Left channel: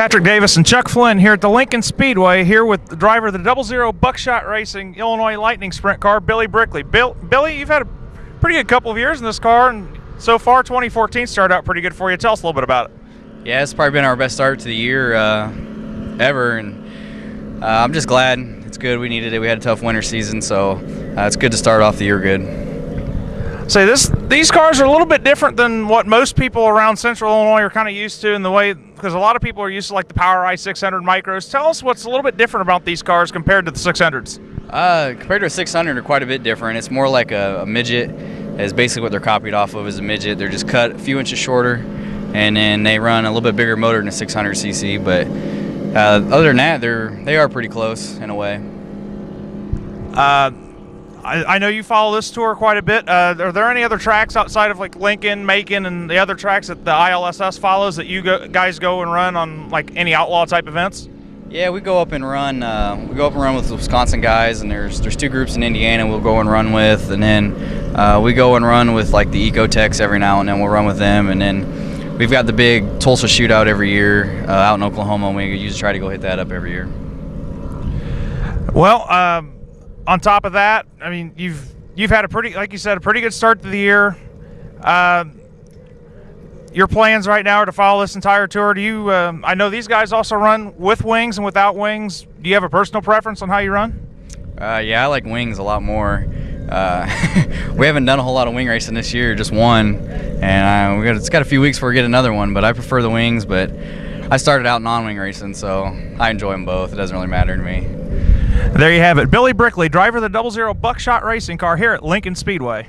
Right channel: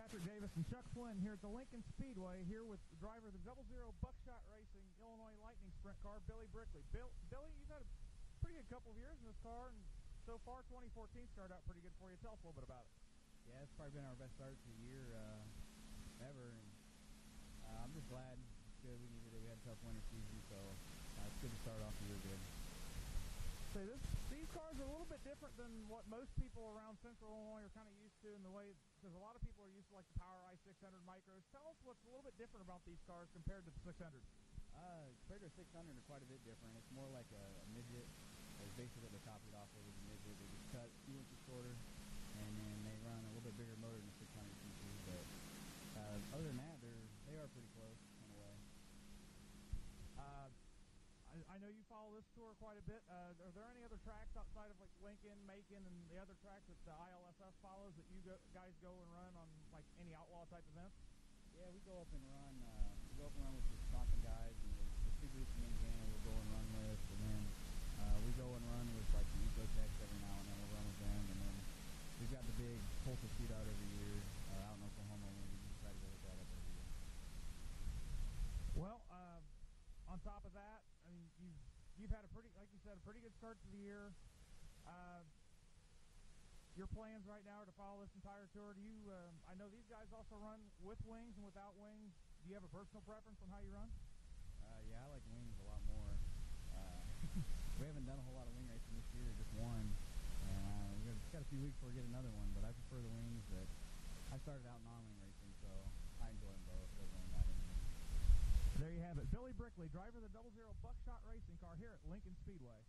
Patrick Davis and Chuck Flynn here at the Lincoln Speedway, here with the driver of the 00 Buckshot Racing Illinois Lightning Sprint car, Billy Brickley. Billy, you've had a pretty good couple of years in this car, and so far 2014 started out pretty good for you. Tell us a little bit about it. Yeah, it's probably been our best start to the year ever, and I'm just glad. It's good. We needed it. We had a tough winter season, so it's good to start off the year good. So these cars are a little bit different than what most people around Central Illinois are kind of used to in the way, because a lot of people are used to like the PowerEye 600 micros. Tell us what's a little bit different about these cars compared to the 600s. Compared to a 600, they're quite a bit different. It's more like a midget. Is basically what they're copied off of, is a midget. They're just cut a few inches shorter, and then they run a little bit bigger motor than a 600cc. But other than that, they are pretty close in a way. I know you follow this tour quite a bit. Are there any other tracks outside of like Lincoln, Macon, and the other tracks that the ILSS follows that you guys go and run on, like any outlaw type events? Yeah, we go up and run. We go up and run with the Wisconsin guys, and there's two groups in Indiana we'll go and run with, and then we go and run with like the Ecotechs every now and then. We'll run with them, and then we've got the big Tulsa shootout every year out in Oklahoma, and we usually try to go hit that up every year. Well, on top of that, I mean, you've had a pretty, like you said, a pretty good start to the year. Your plans right now are to follow this entire tour. Do you? I know these guys also run with wings and without wings. Do you have a personal preference on how you run? Yeah, I like wings a lot more. We haven't done a whole lot of wing racing this year, just one, and it's got a few weeks before we get another one. But I prefer the wings. But I started out non-wing racing, so I enjoy them both. It doesn't really matter to me. There you have it. Billy Brickley, driver of the 00 Buckshot Racing car here at Lincoln Speedway.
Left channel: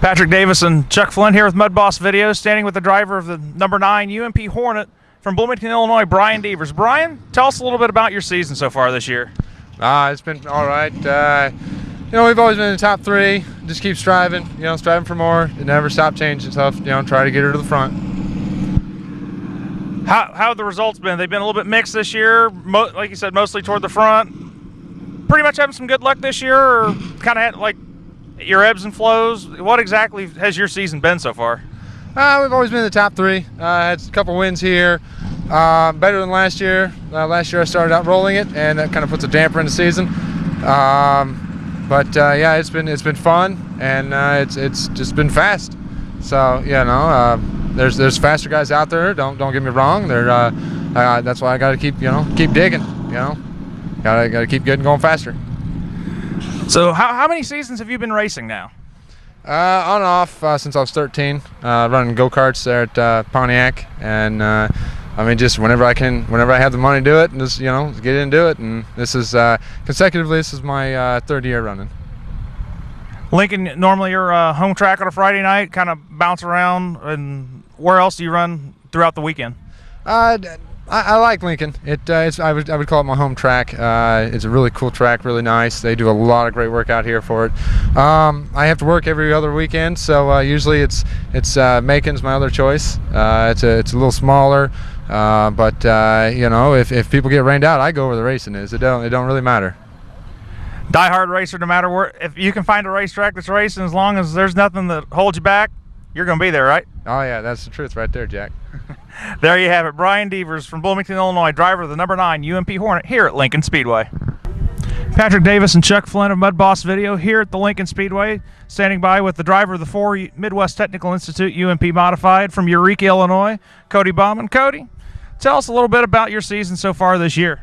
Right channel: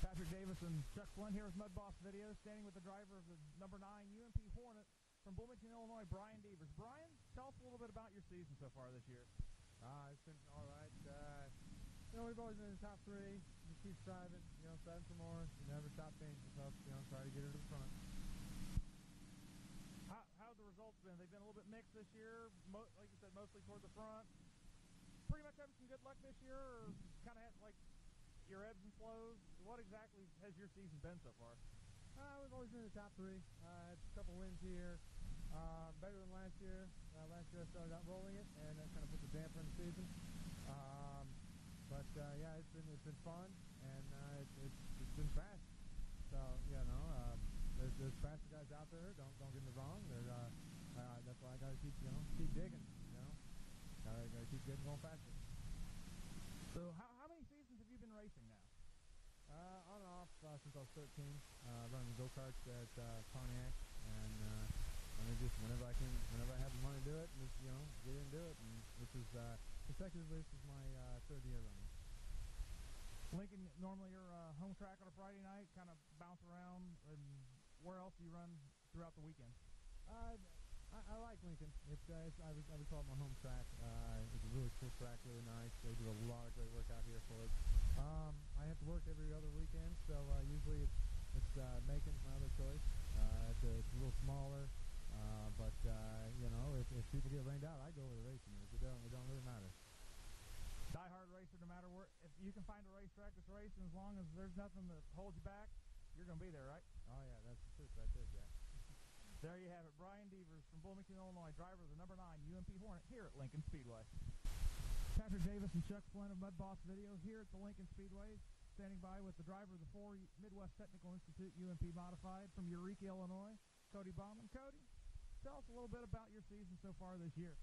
Patrick Davis and Chuck Flynn here with Mud Boss Videos, standing with the driver of the number 9 UMP Hornet from Bloomington, Illinois, Brian Devers. Brian, tell us a little bit about your season so far this year. It's been all right. We've always been in the top 3. Just keep striving, striving for more. You never stop changing stuff, try to get her to the front. How have the results been? They've been a little bit mixed this year, like you said, mostly toward the front. Pretty much having some good luck this year, or kind of had like your ebbs and flows? What exactly has your season been so far? We've always been in the top 3. Had a couple wins here. Better than last year. Last year I started out rolling it, and that kind of puts a damper in the season. Yeah, it's been fun, and it's just been fast. So there's faster guys out there. Don't get me wrong. That's why I got to keep digging. Gotta keep getting going faster. So how many seasons have you been racing now? On and off since I was 13, running go-karts there at Pontiac, and just whenever I have the money to do it, and just get into it. And this is consecutively, this is my 3rd year running. Lincoln, normally your home track on a Friday night, kind of bounce around, and where else do you run throughout the weekend? I like Lincoln. I would call it my home track. It's a really cool track, really nice. They do a lot of great work out here for it. I have to work every other weekend, so usually it's Macon's my other choice. It's a little smaller, but if people get rained out, I go where the racing is. It don't really matter. Die-hard racer, no matter where. If you can find a racetrack that's racing, as long as there's nothing that holds you back, you're going to be there, right? Oh yeah, that's the truth right there, Jack. There you have it. Brian Devers from Bloomington, Illinois, driver of the number 9 UMP Hornet here at Lincoln Speedway. Patrick Davis and Chuck Flynn of Mud Boss Video here at the Lincoln Speedway, standing by with the driver of the 4 Midwest Technical Institute UMP Modified from Eureka, Illinois, Cody Bowman. Cody, tell us a little bit about your season so far this year.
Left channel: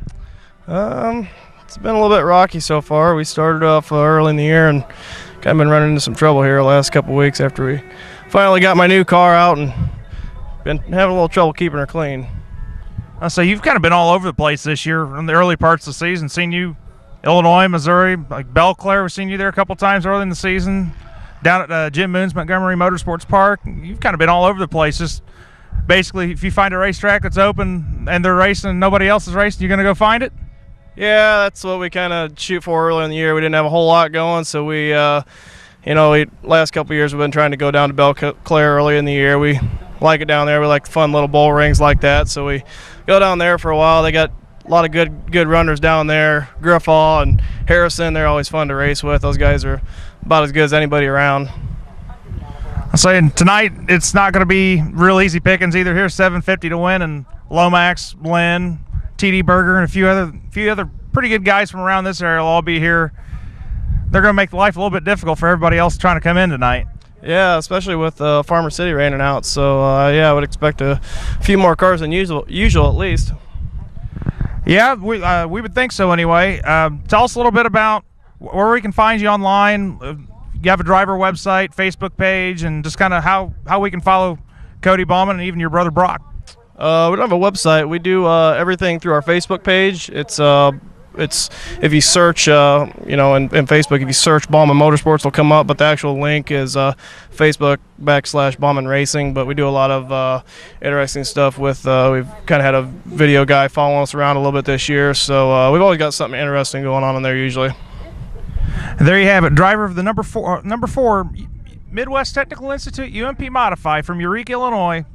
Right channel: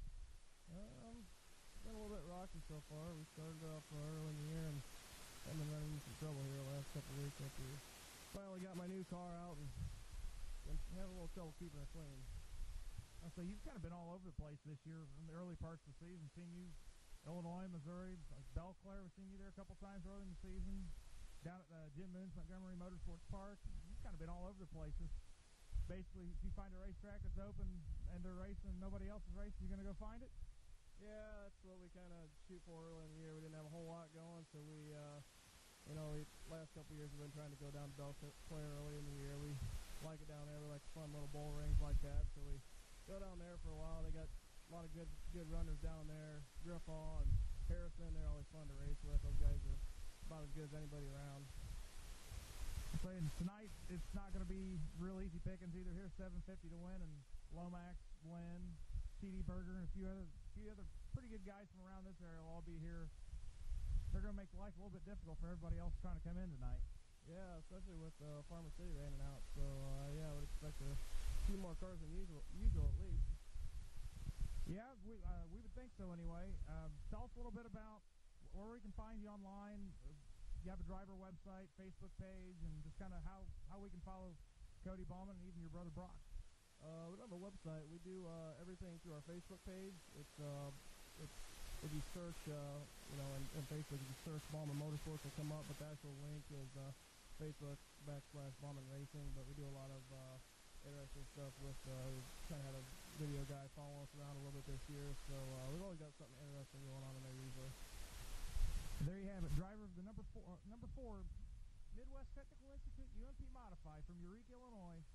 It's been a little bit rocky so far. We started off early in the year and kind of been running into some trouble here the last couple weeks after we finally got my new car out and been having a little trouble keeping her clean. So you've kind of been all over the place this year in the early parts of the season. Seen you Illinois, Missouri, like Belle Claire. We've seen you there a couple times early in the season. Down at Jim Moon's Montgomery Motorsports Park. You've kind of been all over the place. Just basically, if you find a racetrack that's open and they're racing and nobody else is racing, you're going to go find it? Yeah, that's what we kind of shoot for early in the year. We didn't have a whole lot going, so we, last couple of years we've been trying to go down to Belle Claire early in the year. We like it down there. We like fun little bull rings like that, so we go down there for a while. They got a lot of good runners down there. Griffall and Harrison, they're always fun to race with. Those guys are about as good as anybody around. I'm saying tonight it's not going to be real easy pickings either. Here's $750 to win, and Lomax, Lynn, TD Berger, and a few other pretty good guys from around this area will all be here. They're going to make life a little bit difficult for everybody else trying to come in tonight. Yeah, especially with Farmer City raining out. So, yeah, I would expect a few more cars than usual at least. Yeah, we would think so anyway. Tell us a little bit about where we can find you online. You have a driver website, Facebook page, and just kind of how we can follow Cody Bowman and even your brother Brock. We don't have a website. We do everything through our Facebook page. It's if you search, in Facebook, if you search Bowman Motorsports, will come up. But the actual link is Facebook/Bowman Racing. But we do a lot of interesting stuff with. We've kind of had a video guy following us around a little bit this year, so we've always got something interesting going on in there usually. And there you have it, driver of the number four Midwest Technical Institute UMP Modify from Eureka, Illinois,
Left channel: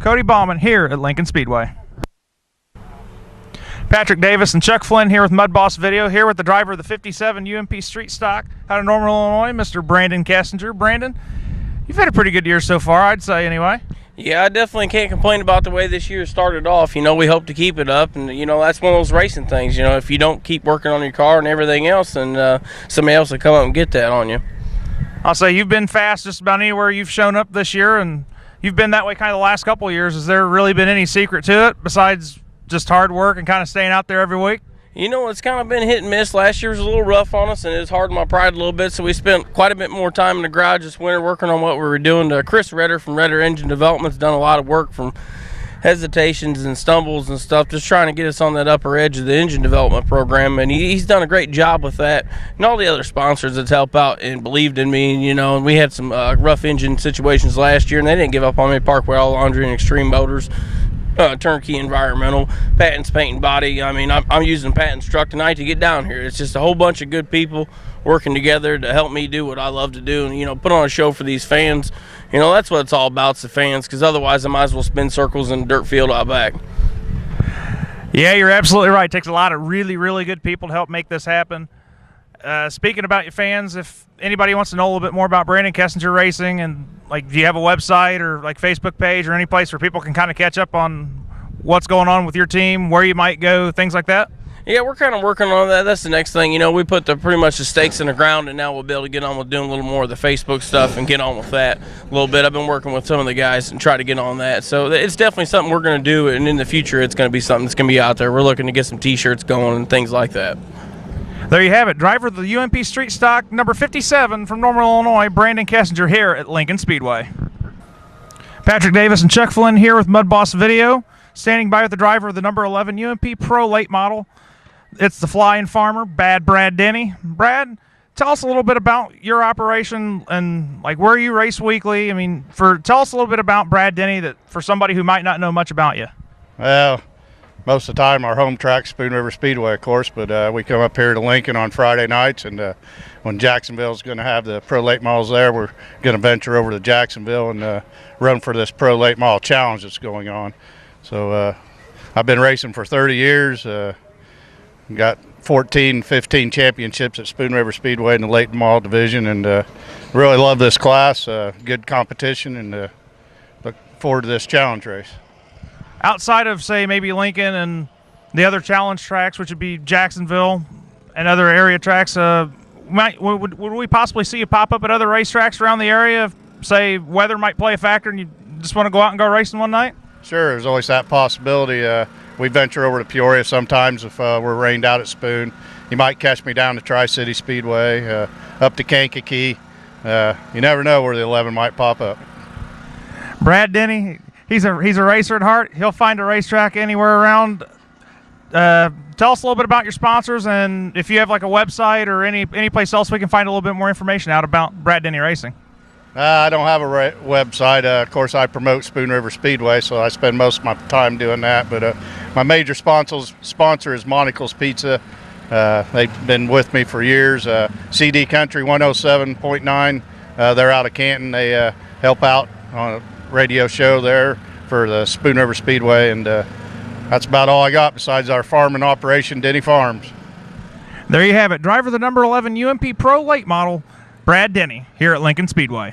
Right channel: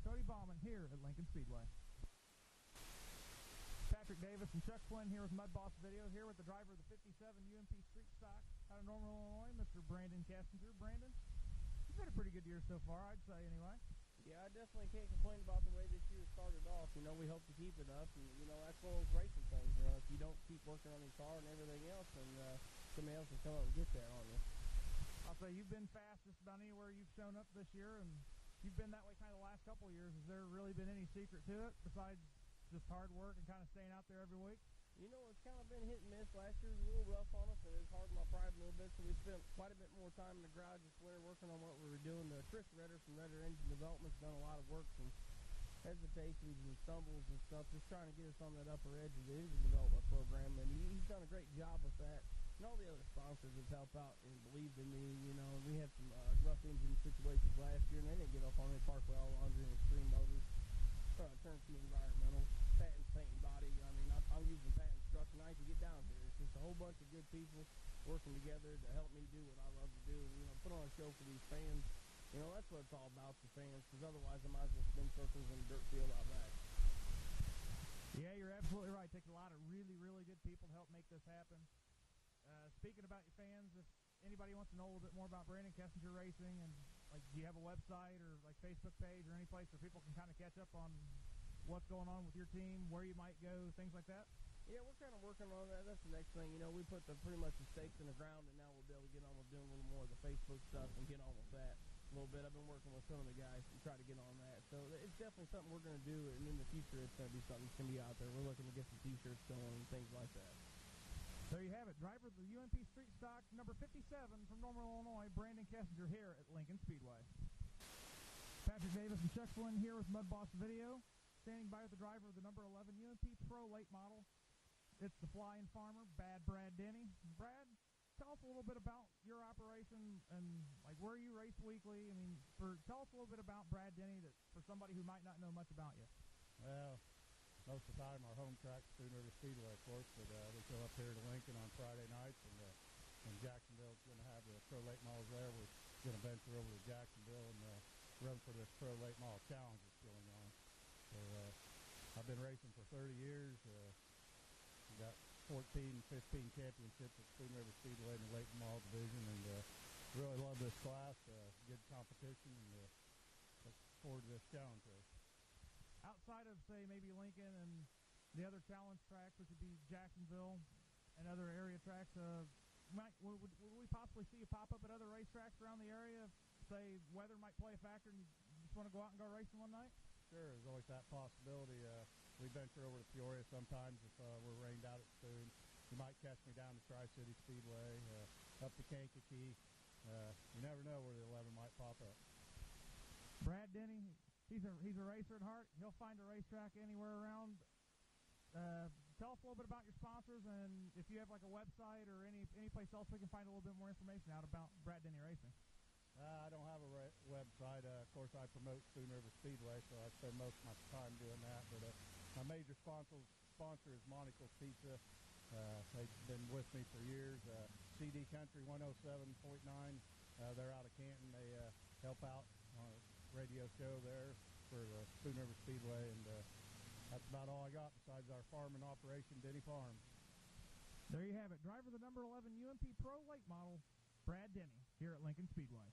Cody Bowman here at Lincoln Speedway. Patrick Davis and Chuck Flynn here with Mud Boss Video, here with the driver of the 57 UMP Street Stock out of Normal, Illinois, Mr. Brandon Kessinger. Brandon, you've had a pretty good year so far, I'd say anyway. Yeah, I definitely can't complain about the way this year started off. We hope to keep it up, and, that's one of those racing things. If you don't keep working on your car and everything else, then somebody else will come up and get that on you. I'll say you've been fast just about anywhere you've shown up this year, and you've been that way kind of the last couple of years. Has there really been any secret to it besides just hard work and kind of staying out there every week? It's kind of been hit and miss. Last year was a little rough on us, and it was hard on my pride a little bit, so we spent quite a bit more time in the garage this winter working on what we were doing. Chris Redder from Redder Engine Development's done a lot of work from hesitations and stumbles and stuff, just trying to get us on that upper edge of the engine development program, and he's done a great job with that. And all the other sponsors that help out and believed in me, and we had some rough engine situations last year, and they didn't give up on me. Parkway All Laundry and Extreme Motors, Turnkey Environmental, Patton's Paint and Body. I'm using Patton's truck tonight to get down here. It's just a whole bunch of good people working together to help me do what I love to do, and put on a show for these fans. That's what it's all about, it's the fans, because otherwise I might as well spin circles in the dirt field out back. Yeah, you're absolutely right. It takes a lot of really, really good people to help make this happen. Speaking about your fans, if anybody wants to know a little bit more about Brandon Kessinger Racing, and do you have a website or Facebook page or any place where people can kind of catch up on what's going on with your team, where you might go, things like that? Yeah, we're kind of working on that. That's the next thing. We put pretty much the stakes in the ground, and now we'll be able to get on with doing a little more of the Facebook stuff and get on with that a little bit. I've been working with some of the guys and try to get on that. So it's definitely something we're going to do, and in the future it's going to be something that's going to be out there. We're looking to get some T-shirts going and things like that. There you have it, driver of the UMP Street Stock number 57 from Normal, Illinois, Brandon Kessinger here at Lincoln Speedway. Patrick Davis and Chuck Flynn here with Mud Boss Video, standing by with the driver of the number 11 UMP Pro late model. It's the Flying Farmer, Bad Brad Denny. Brad, tell us a little bit about your operation and where you race weekly. Tell us a little bit about Brad Denny, that for somebody who might not know much about you. Well, most of the time our home track's Spoon River Speedway, of course, but we come up here to Lincoln on Friday nights, and when Jacksonville's going to have the Pro Late Models there, we're going to venture over to Jacksonville and run for this Pro Late Model Challenge that's going on. So I've been racing for 30 years. Got 14, 15 championships at Spoon River Speedway in the late model division, and really love this class. Good competition, and look forward to this challenge race. Outside of, say, maybe Lincoln and the other challenge tracks, which would be Jacksonville and other area tracks, would we possibly see you pop up at other racetracks around the area if, say, weather might play a factor and you just want to go out and go racing one night? Sure, there's always that possibility. We venture over to Peoria sometimes if we're rained out at Spoon. You might catch me down to Tri-City Speedway, up to Kankakee. You never know where the 11 might pop up. Brad Denny, he's a racer at heart. He'll find a racetrack anywhere around. Tell us a little bit about your sponsors, and if you have a website or any place else we can find a little bit more information out about Brad Denny Racing. I don't have a website. Of course, I promote Spoon River Speedway, so I spend most of my time doing that. But my major sponsor is Monocle's Pizza. They've been with me for years. CD Country 107.9. They're out of Canton. They help out on a radio show there for the Spoon River Speedway, and that's about all I got besides our farming operation, Denny Farms. There you have it. Driver of the number 11 UMP Pro late model, Brad Denny, here at Lincoln Speedway.